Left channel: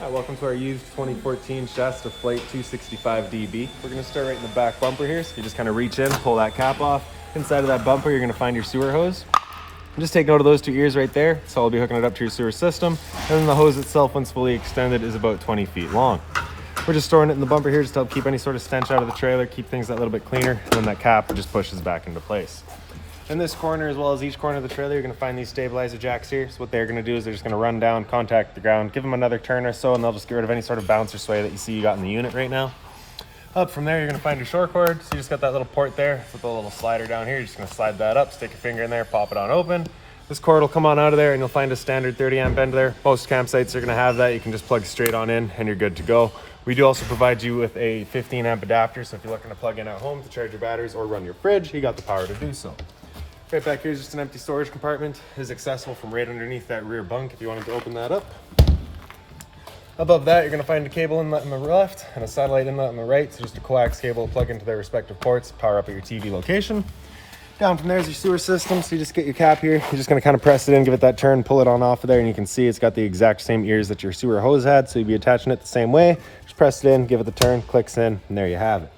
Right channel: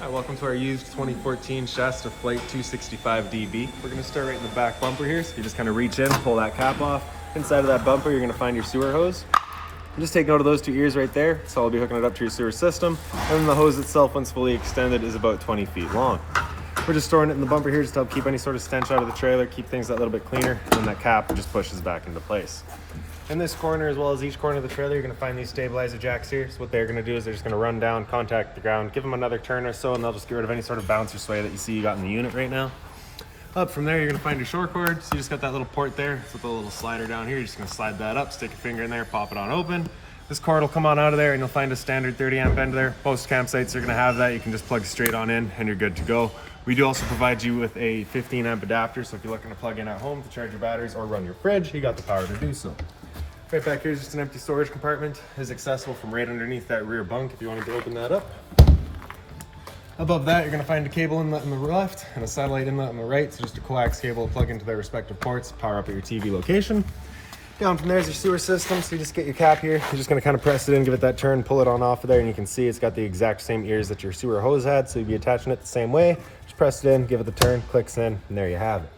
Hi, welcome to our used 2014 Shasta Flyte 265DB. We're going to start right in the back bumper here. So you just kind of reach in, pull that cap off. Inside of that bumper, you're going to find your sewer hose. And just take note of those two ears right there. So I'll be hooking it up to your sewer system. And then the hose itself, once fully extended, is about 20 feet long. We're just storing it in the bumper here just to help keep any sort of stench out of the trailer, keep things a little bit cleaner. And then that cap just pushes back into place. In this corner, as well as each corner of the trailer, you're going to find these stabilizer jacks here. So what they're going to do is they're just going to run down, contact the ground, give them another turn or so, and they'll just get rid of any sort of bounce or sway that you see you got in the unit right now. Up from there, you're going to find your shore cord. So you just got that little port there with a little slider down here. You're just going to slide that up, stick your finger in there, pop it on open. This cord will come on out of there, and you'll find a standard 30 amp end there. Most campsites are going to have that. You can just plug straight on in, and you're good to go. We do also provide you with a 15 amp adapter, so if you're looking to plug in at home to charge your batteries or run your fridge, you got the power to do so. Right back here is just an empty storage compartment. It is accessible from right underneath that rear bunk if you wanted to open that up. Above that, you're going to find a cable inlet on the left and a satellite inlet on the right. So just a coax cable to plug into their respective ports, power up at your TV location. Down from there is your sewer system. So you just get your cap here. You're just going to kind of press it in, give it that turn, pull it on off of there, and you can see it's got the exact same ears that your sewer hose had. So you'd be attaching it the same way. Just press it in, give it the turn, clicks in, and there you have it.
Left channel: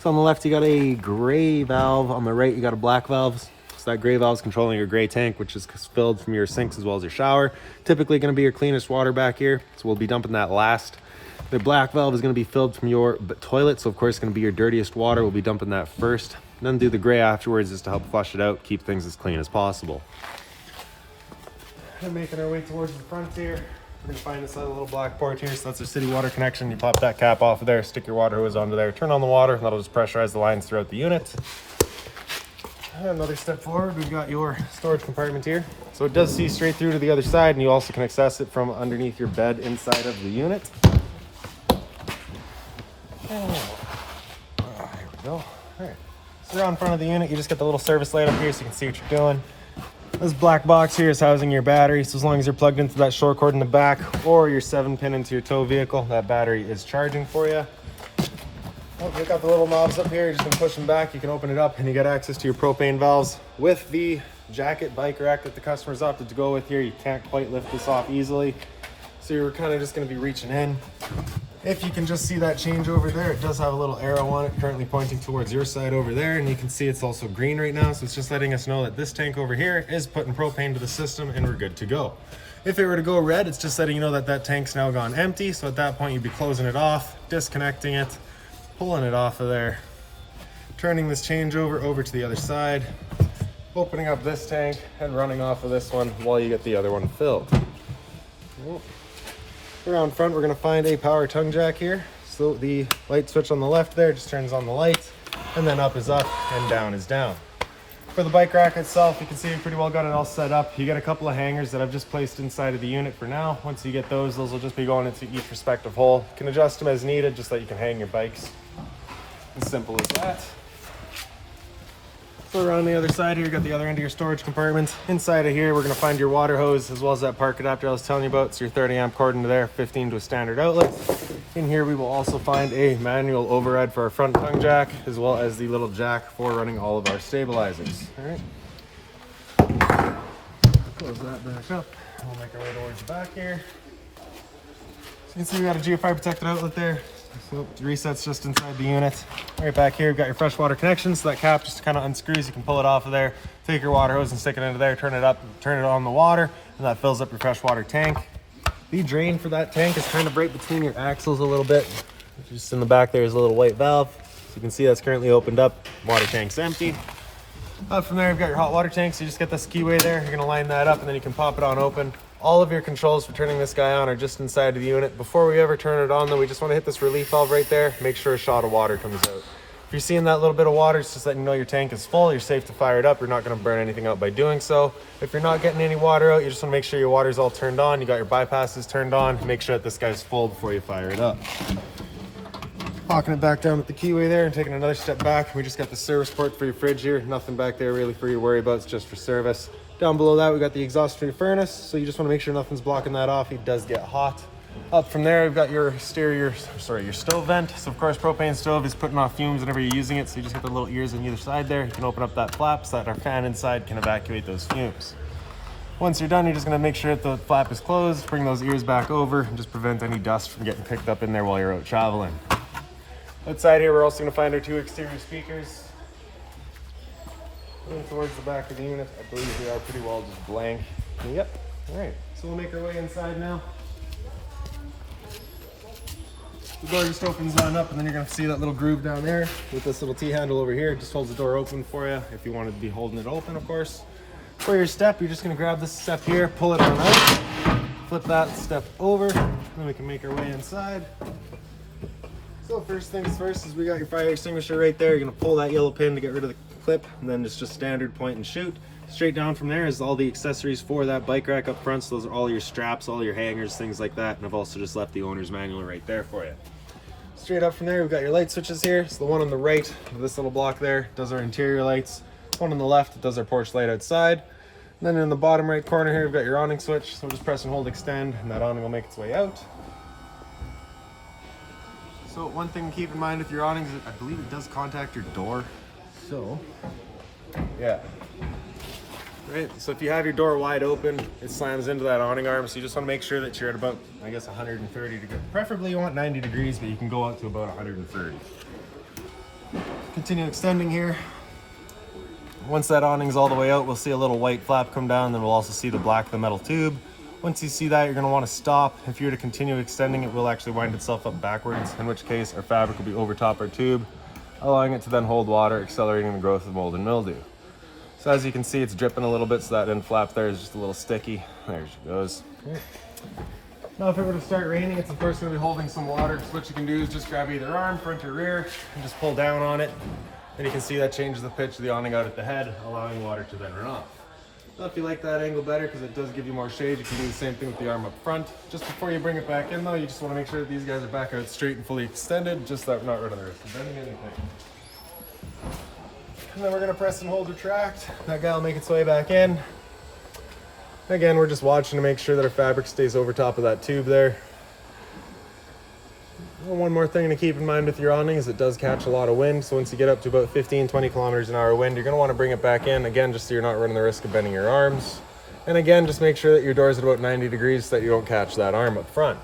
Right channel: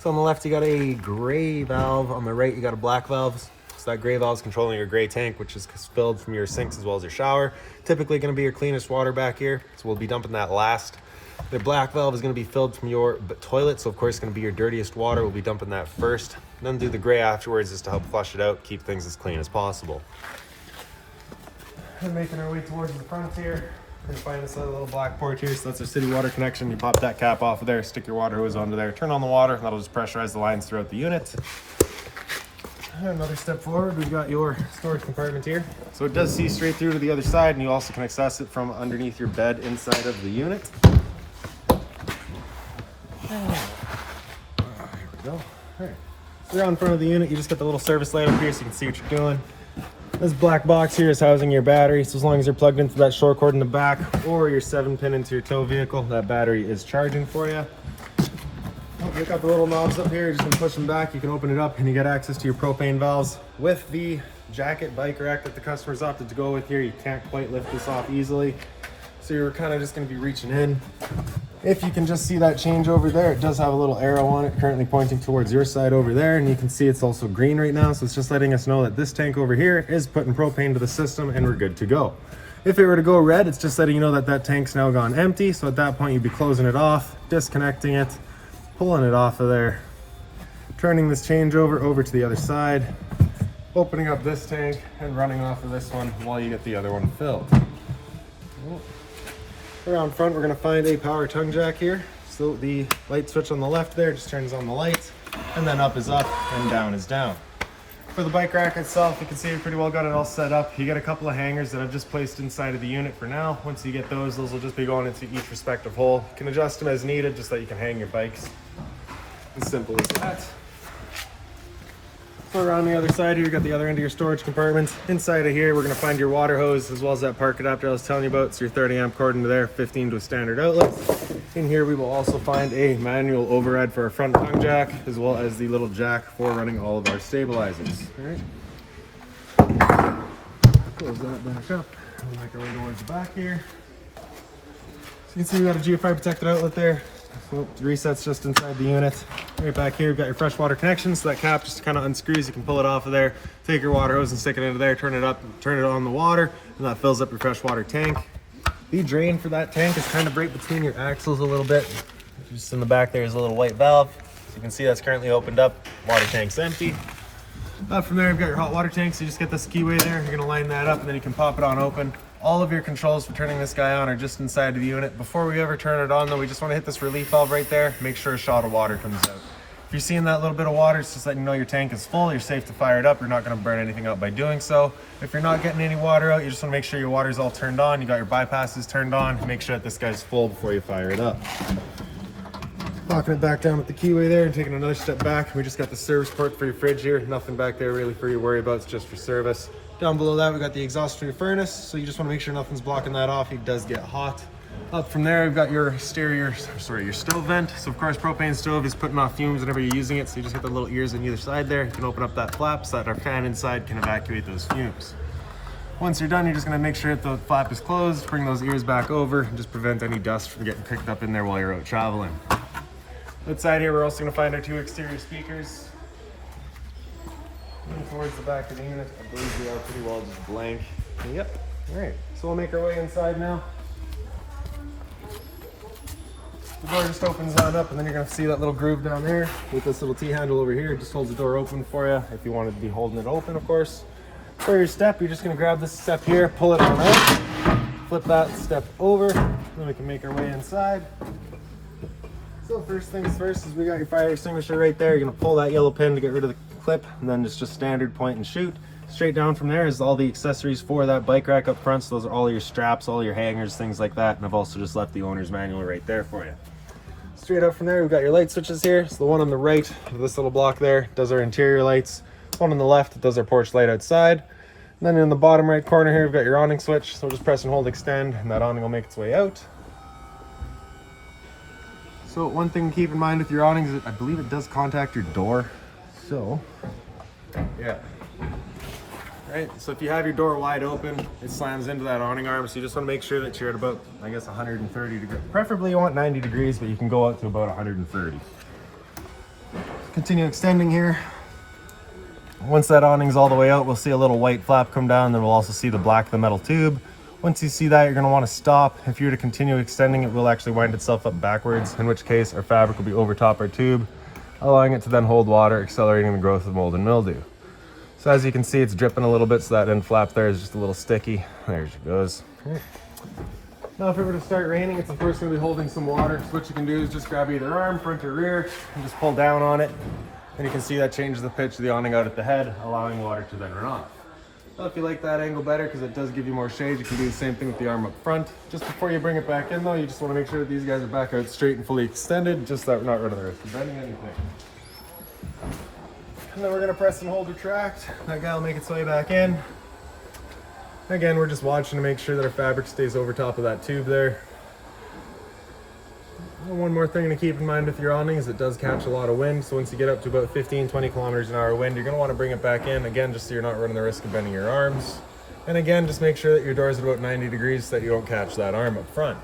So on the left, you got a gray valve. On the right, you got a black valve. So that gray valve is controlling your gray tank, which is filled from your sinks as well as your shower. Typically going to be your cleanest water back here, so we'll be dumping that last. The black valve is going to be filled from your toilet, so of course it's going to be your dirtiest water. We'll be dumping that first. And then do the gray afterwards just to help flush it out, keep things as clean as possible. And making our way towards the front here, we're going to find this little black port here. So that's a city water connection. You pop that cap off of there, stick your water hose onto there, turn on the water, and that'll just pressurize the lines throughout the unit. Another step forward, we've got your storage compartment here. So it does see straight through to the other side, and you also can access it from underneath your bed inside of the unit. There we go. All right. So you're on front of the unit, you just get the little service light up here so you can see what you're doing. This black box here is housing your battery, so as long as you're plugged into that shore cord in the back or your 7-pin into your tow vehicle, that battery is charging for you. You've got the little knobs up here, you're just gonna push them back, you can open it up, and you get access to your propane valves. With the jacket bike rack that the customers opted to go with here, you can't quite lift this off easily. So you're kind of just gonna be reaching in. If you can just see that change over there, it does have a little arrow on it currently pointing towards your side over there, and you can see it's also green right now, so it's just letting us know that this tank over here is putting propane to the system and we're good to go. If it were to go red, it's just letting you know that that tank's now gone empty, so at that point you'd be closing it off, disconnecting it, pulling it off of there, turning this changeover over to the other side, opening up this tank and running off of this one while you get the other one filled. Around front, we're going to find a power tongue jack here. So the light switch on the left there just turns on the light, and then up is up and down is down. For the bike rack itself, you can see we pretty well got it all set up. You get a couple of hangers that I've just placed inside of the unit for now. Once you get those will just be going into each respective hole. You can adjust them as needed, just so that you can hang your bikes. As simple as that. So around the other side here, you got the other end of your storage compartment. Inside of here, we're going to find your water hose as well as that park adapter I was telling you about. So your 30 amp cord into there, 15 to a standard outlet. In here, we will also find a manual override for our front tongue jack, as well as the little jack for running all of our stabilizers. All right. Close that back up. We'll make our way towards the back here. So you can see we got a GFI protected outlet there. So the reset's just inside the unit. Right back here, we've got your freshwater connection, so that cap just kind of unscrews. You can pull it off of there, take your water hose and stick it into there, turn it up, turn it on the water, and that fills up your freshwater tank. The drain for that tank is kind of right between your axles a little bit. Just in the back there is a little white valve. You can see that's currently opened up. Water tank's empty. Up from there, you've got your hot water tank, so you just get this keyway there. You're gonna line that up and then you can pop it on open. All of your controls for turning this guy on are just inside of the unit. Before we ever turn it on though, we just wanna hit this relief valve right there. Make sure a shot of water comes out. If you're seeing that little bit of water, it's just letting you know your tank is full. You're safe to fire it up. You're not gonna burn anything out by doing so. If you're not getting any water out, you just wanna make sure your water's all turned on. You got your bypasses turned on. Make sure that this guy's full before you fire it up. Locking it back down with the keyway there and taking another step back. We just got the service port for your fridge here. Nothing back there really for you to worry about. It's just for service. Down below that, we got the exhaust for your furnace. So you just want to make sure nothing's blocking that off. It does get hot. Up from there, we've got your your stove vent. So of course, propane stove is putting off fumes whenever you're using it. So you just got the little ears on either side there. You can open up that flap so that our fan inside can evacuate those fumes. Once you're done, you're just gonna make sure that the flap is closed, bring those ears back over, and just prevent any dust from getting picked up in there while you're out traveling. Outside here, we're also gonna find our 2 exterior speakers. Going towards the back of the unit, I believe we are pretty well just blank. Yep, all right, so we'll make our way inside now. The door just opens on up, and then you're gonna see that little groove down there with this little T-handle over here. It just holds the door open for you if you wanted to be holding it open, of course. For your step, you're just gonna grab this step here, pull it on out, flip that step over, then we can make our way inside. So first things first is we got your fire extinguisher right there. You're gonna pull that yellow pin to get rid of the clip, and then it's just standard point and shoot. Straight down from there is all the accessories for that bike rack up front. So those are all your straps, all your hangers, things like that. And I've also just left the owner's manual right there for you. Straight up from there, we've got your light switches here. So the one on the right of this little block there does our interior lights. One on the left does our porch light outside. And then in the bottom right corner here, we've got your awning switch. So just press and hold extend, and that awning will make its way out. So one thing to keep in mind with your awnings is I believe it does contact your door. So, yeah. Right, so if you have your door wide open, it slams into that awning arm, so you just want to make sure that you're at about, I guess, 130 degrees. Preferably you want 90 degrees, but you can go up to about 130. Continue extending here. Once that awning's all the way out, we'll see a little white flap come down, then we'll also see the black of the metal tube. Once you see that, you're going to want to stop. If you're to continue extending, it will actually wind itself up backwards, in which case our fabric will be over top our tube, allowing it to then hold water, accelerating the growth of mold and mildew. So as you can see, it's dripping a little bit, so that end flap there is just a little sticky. There she goes. Now if it were to start raining, it's of course going to be holding some water. So what you can do is just grab either arm, front or rear, and just pull down on it. And you can see that changes the pitch of the awning out at the head, allowing water to then run off. So if you like that angle better, because it does give you more shade, you can do the same thing with the arm up front. Just before you bring it back in though, you just want to make sure that these guys are back out straight and fully extended, just that we're not running the risk of bending anything. And then we're going to press and hold retract. That guy will make its way back in. Again, we're just watching to make sure that our fabric stays over top of that tube there. And one more thing to keep in mind with your awning is it does catch a lot of wind. So once you get up to about 15-20 kilometers an hour wind, you're going to want to bring it back in. Again, just so you're not running the risk of bending your arms. And again, just make sure that your door is at about 90 degrees so that you don't catch that arm up front.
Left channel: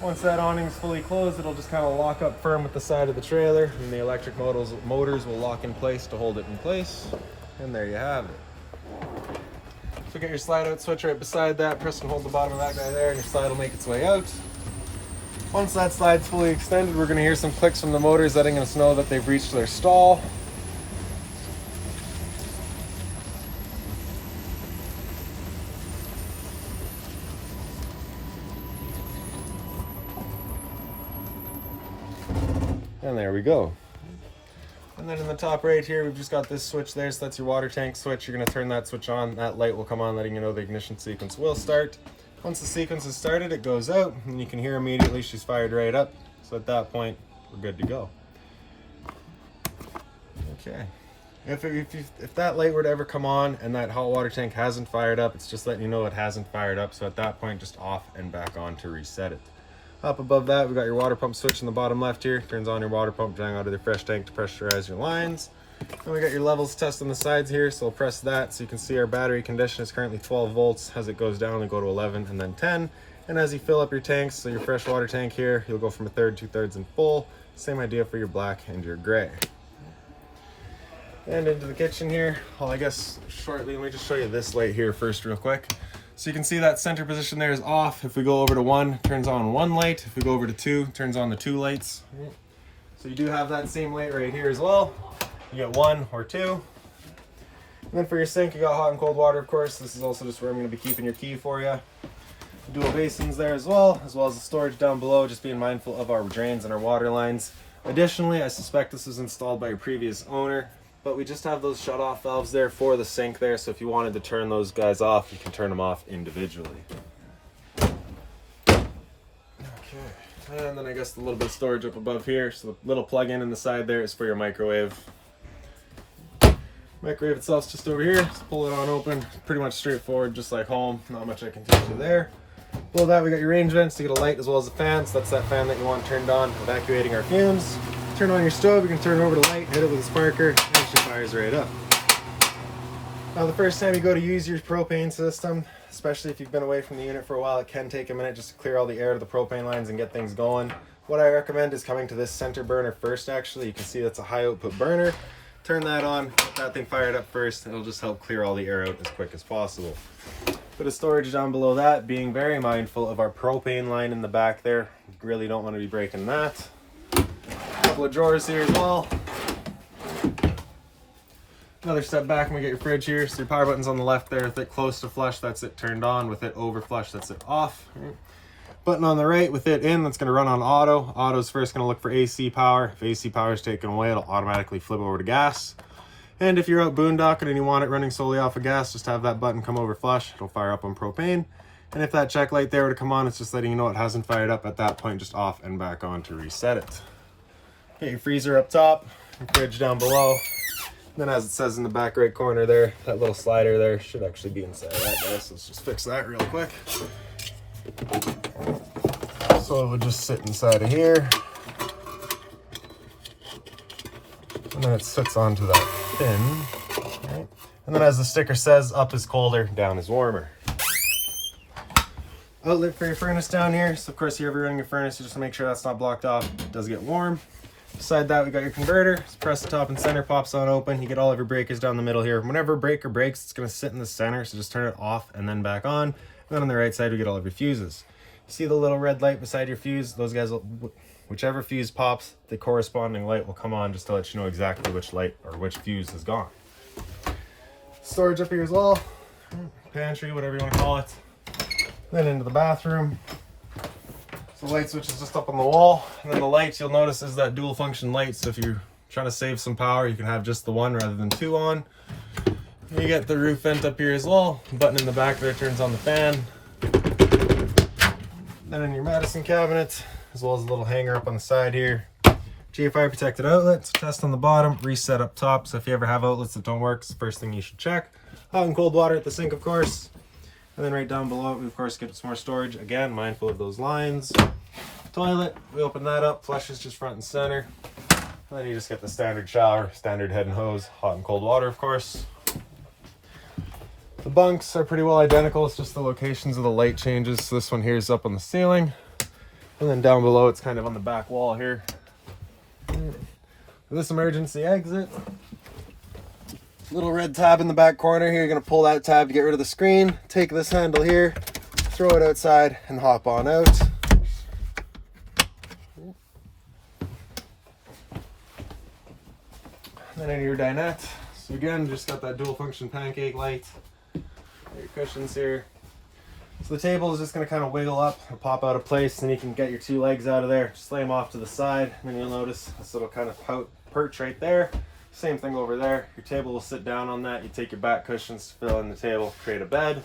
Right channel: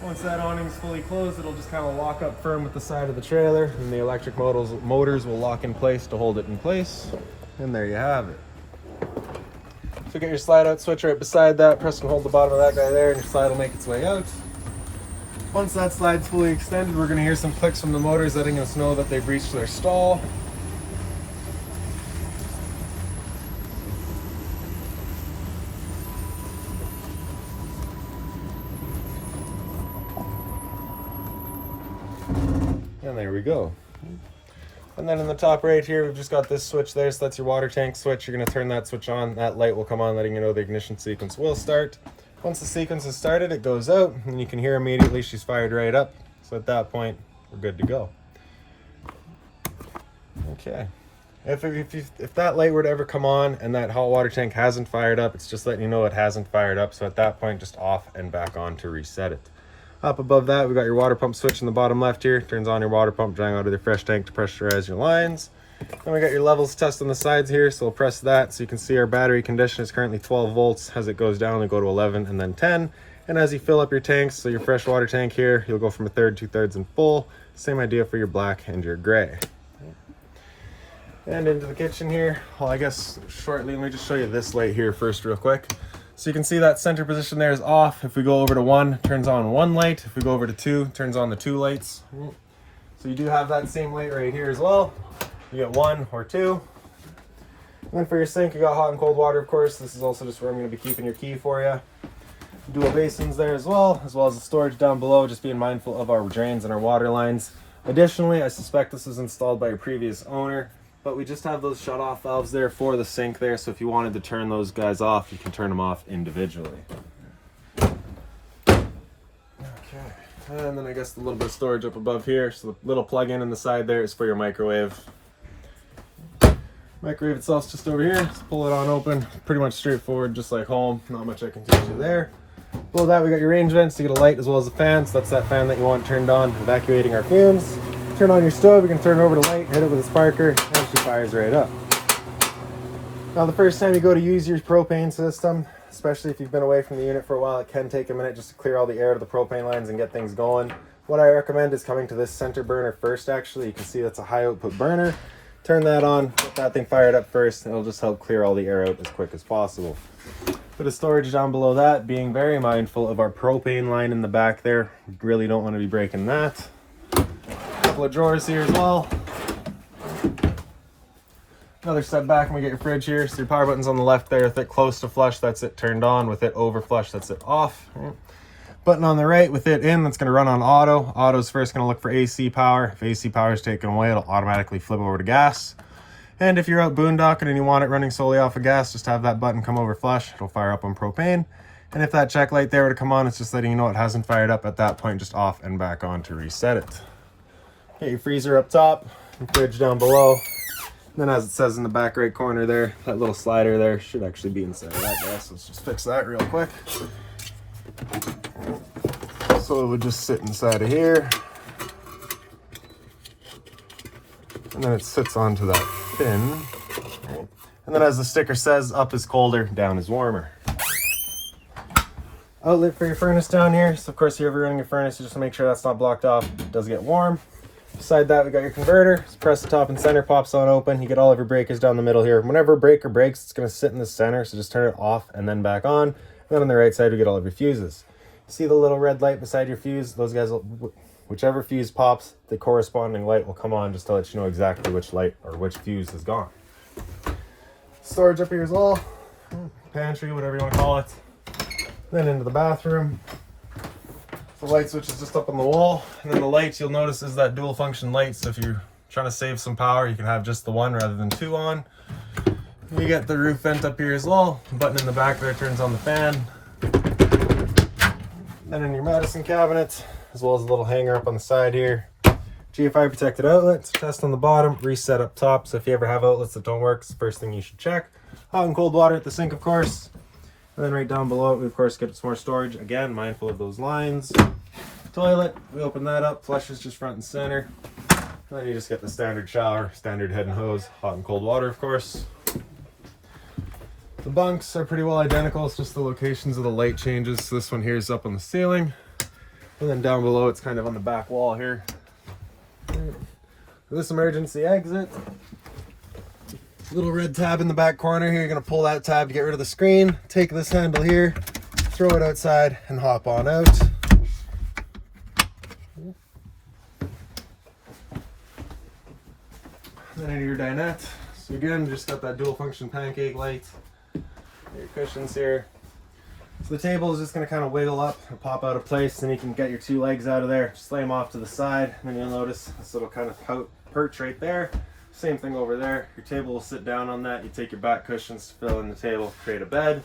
Once that awning is fully closed, it'll just kind of lock up firm with the side of the trailer, and the electric motors will lock in place to hold it in place. And there you have it. So get your slide out switch right beside that, press and hold the bottom of that guy there, and your slide will make its way out. Once that slide's fully extended, we're going to hear some clicks from the motors letting us know that they've reached their stall. And there we go. And then in the top right here, we've just got this switch there, so that's your water tank switch. You're going to turn that switch on, that light will come on letting you know the ignition sequence will start. Once the sequence is started, it goes out, and you can hear immediately she's fired right up. So at that point, we're good to go. Okay. If that light were to ever come on and that hot water tank hasn't fired up, it's just letting you know it hasn't fired up. So at that point, just off and back on to reset it. Up above that, we've got your water pump switch in the bottom left here. Turns on your water pump, drawing out of the fresh tank to pressurize your lines. Then we got your levels test on the sides here, so we'll press that so you can see our battery condition is currently 12 volts. As it goes down, it'll go to 11 and then 10. And as you fill up your tanks, so your fresh water tank here, you'll go from 1/3, 2/3 and full. Same idea for your black and your gray. And into the kitchen here. Well, I guess shortly, let me just show you this light here first real quick. So you can see that center position there is off. If we go over to 1, it turns on 1 light. If we go over to 2, it turns on the 2 lights. So you do have that same light right here as well. You get 1 or 2. And then for your sink, you got hot and cold water, of course. This is also just where I'm going to be keeping your key for you. Dual basins there as well as the storage down below, just being mindful of our drains and our water lines. Additionally, I suspect this was installed by your previous owner, but we just have those shut-off valves there for the sink there, so if you wanted to turn those guys off, you can turn them off individually. Okay, and then I guess the little bit of storage up above here, so the little plug-in in the side there is for your microwave. Microwave itself's just over here, just pull it on open, pretty much straightforward, just like home, not much I can teach you there. Below that we got your range vents, so you get a light as well as a fan, so that's that fan that you want turned on, evacuating our fumes. Turn on your stove, you can turn it over to light, hit it with a sparker, and she fires right up. Now the first time you go to use your propane system, especially if you've been away from the unit for a while, it can take a minute just to clear all the air to the propane lines and get things going. What I recommend is coming to this center burner first. Actually, you can see that's a high output burner. Turn that on, get that thing fired up first, and it'll just help clear all the air out as quick as possible. Bit of storage down below that, being very mindful of our propane line in the back there. You really don't want to be breaking that. Couple of drawers here as well. Another step back and we get your fridge here. So your power button's on the left there. With it close to flush, that's it turned on. With it over flush, that's it off. Button on the right with it in, that's going to run on auto. Auto's first going to look for AC power. If AC power is taken away, it'll automatically flip over to gas. And if you're out boondocking and you want it running solely off of gas, just have that button come over flush. It'll fire up on propane. And if that check light there were to come on, it's just letting you know it hasn't fired up at that point, just off and back on to reset it. Get your freezer up top, your fridge down below. Then as it says in the back right corner there, that little slider there should actually be inside of that. But let's just fix that real quick. So it would just sit inside of here. And then it sits onto that pin. Right. And then as the sticker says, up is colder, down is warmer. Outlet for your furnace down here. So of course, if you're ever running your furnace, you just make sure that's not blocked off. It does get warm. Beside that, we got your converter. Just press the top and center, pops on open. You get all of your breakers down the middle here. Whenever a breaker breaks, it's going to sit in the center, so just turn it off and then back on. And then on the right side, we get all of your fuses. See the little red light beside your fuse? Those guys, whichever fuse pops, the corresponding light will come on just to let you know exactly which light or which fuse is gone. Storage up here as well. Pantry, whatever you want to call it. Then into the bathroom. The light switch is just up on the wall, and then the lights you'll notice is that dual function light, so if you're trying to save some power you can have just the one rather than two on. You get the roof vent up here as well. The button in the back there turns on the fan. Then in your medicine cabinet, as well as a little hanger up on the side here. GFI protected outlets, test on the bottom, reset up top, so if you ever have outlets that don't work, it's the first thing you should check. Hot and cold water at the sink, of course. And then right down below it, we of course get some more storage. Again, mindful of those lines. Toilet, we open that up, flushes just front and center. And then you just get the standard shower, standard head and hose, hot and cold water, of course. The bunks are pretty well identical, it's just the locations of the light changes. So this one here is up on the ceiling. And then down below, it's kind of on the back wall here. This emergency exit. Little red tab in the back corner here. You're going to pull that tab to get rid of the screen. Take this handle here, throw it outside, and hop on out. Then into your dinette. So again, just got that dual function pancake light. Your cushions here. So the table is just going to kind of wiggle up and pop out of place, and you can get your two legs out of there. Just lay them off to the side, and then you'll notice this little kind of perch right there. Same thing over there. Your table will sit down on that. You take your back cushions to fill in the table, create a bed.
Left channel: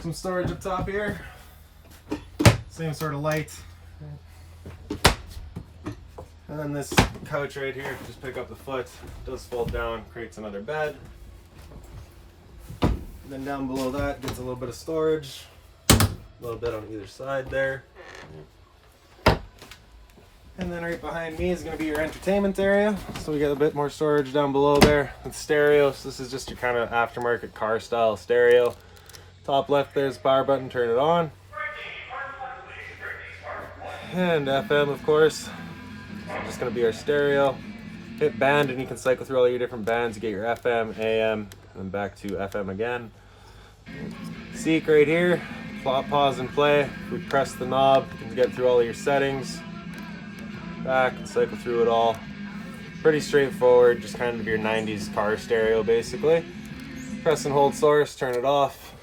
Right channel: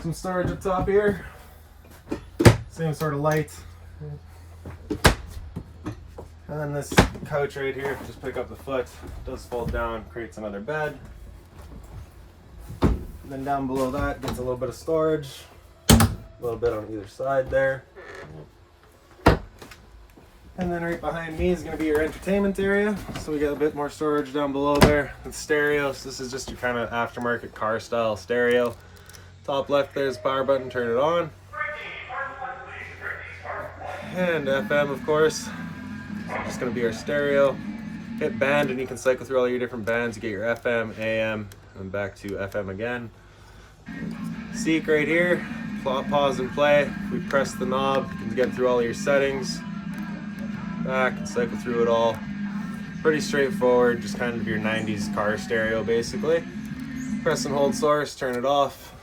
Some storage up top here. Same sort of light. And then this couch right here, just pick up the foot, does fold down, creates another bed. And then down below that gets a little bit of storage, a little bit on either side there. And then right behind me is going to be your entertainment area. So we get a bit more storage down below there with stereos. This is just your kind of aftermarket car style stereo. Top left there's the power button, turn it on. And FM, of course. Just going to be our stereo. Hit band and you can cycle through all your different bands. You get your FM, AM, and back to FM again. Seek right here. Pause and play. We press the knob, you can get through all of your settings. Back and cycle through it all. Pretty straightforward, just kind of your 90s car stereo basically. Press and hold source, turn it off.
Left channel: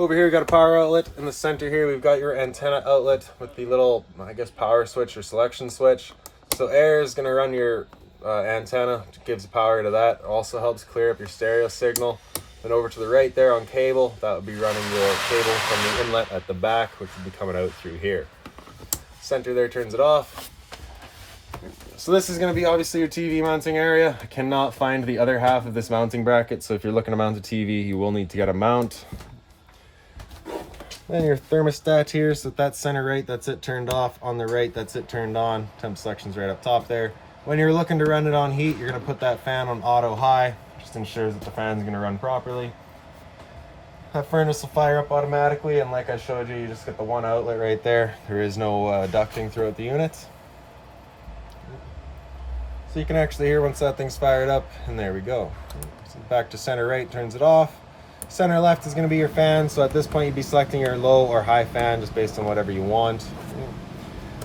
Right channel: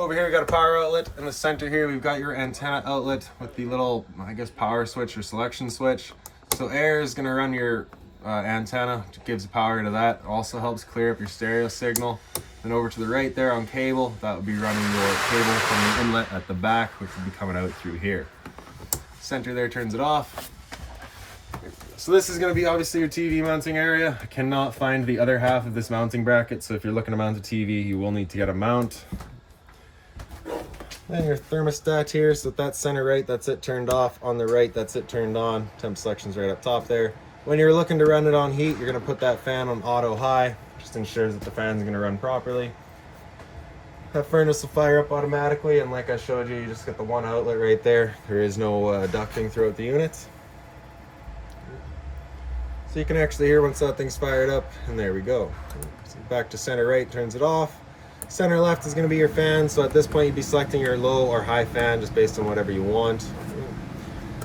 Over here we got a power outlet. In the center here we've got your antenna outlet with the little, I guess, power switch or selection switch. So air is going to run your antenna, which gives power to that. Also helps clear up your stereo signal. Then over to the right there on cable, that would be running your cable from the inlet at the back, which would be coming out through here. Center there turns it off. So this is going to be obviously your TV mounting area. I cannot find the other half of this mounting bracket, so if you're looking to mount a TV, you will need to get a mount. Then your thermostat here, so that's center right, that's it turned off. On the right, that's it turned on. Temp selection's right up top there. When you're looking to run it on heat, you're going to put that fan on auto high. Just ensures that the fan's going to run properly. That furnace will fire up automatically, and like I showed you, you just get the one outlet right there. There is no ducting throughout the unit. So you can actually hear once that thing's fired up, and there we go. So back to center right turns it off. Center left is going to be your fan, so at this point you'd be selecting your low or high fan just based on whatever you want.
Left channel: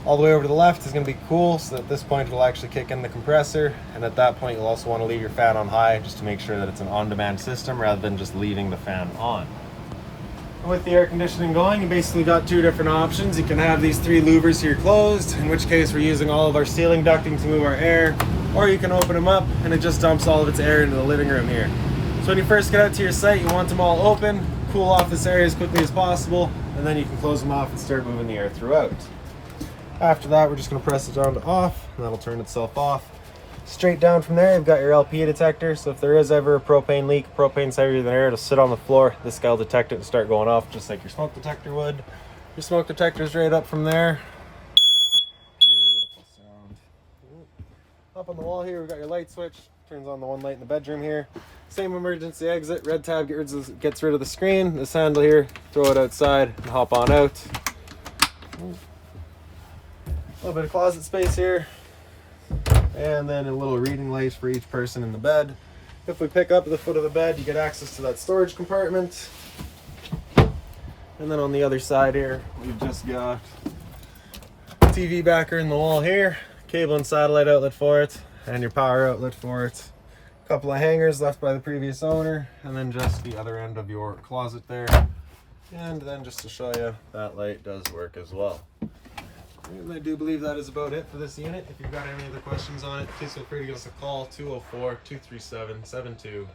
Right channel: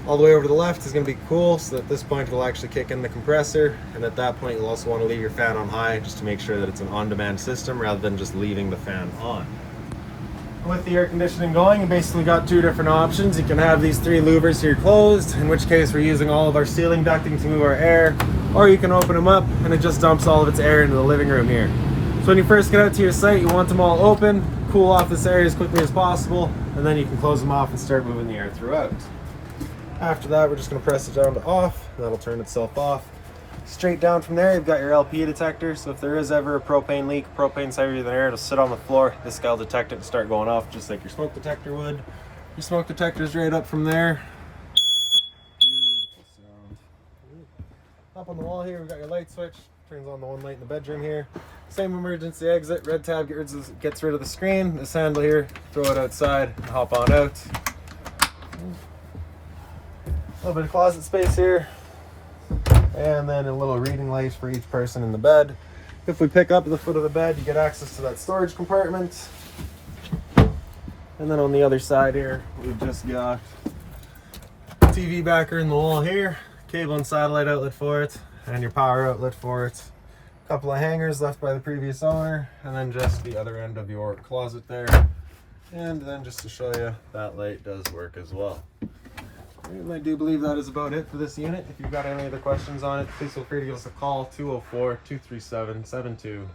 All the way over to the left is going to be cool, so at this point it'll actually kick in the compressor, and at that point you'll also want to leave your fan on high just to make sure that it's an on-demand system rather than just leaving the fan on. With the air conditioning going, you basically got two different options. You can have these three louvers here closed, in which case we're using all of our ceiling ducting to move our air, or you can open them up and it just dumps all of its air into the living room here. So when you first get out to your site, you want them all open, cool off this area as quickly as possible, and then you can close them off and start moving the air throughout. After that, we're just going to press it down to off, and that'll turn itself off. Straight down from there, you've got your LP detector, so if there is ever a propane leak, propane's heavier than air, it'll sit on the floor. This guy will detect it and start going off just like your smoke detector would. Your smoke detector's right up from there. Beautiful sound. Up on the wall here, we've got your light switch. Turns on the one light in the bedroom here. Same emergency exit. Red tab gets rid of the screen. This handle here, throw it outside and hop on out. A little bit of closet space here, and then a little reading light for each person in the bed. If we pick up the foot of the bed, you get access to that storage compartment. And then on the other side here, we've just got TV backer in the wall here, cable and satellite outlet for it, and your power outlet for it. A couple of hangers left by the previous owner, and then just the other end of your closet there. And then just to show you, that light does work as well. I do believe that is about it for this unit. If you've got any other questions on it, please feel free to give us a call, 204-237-7272.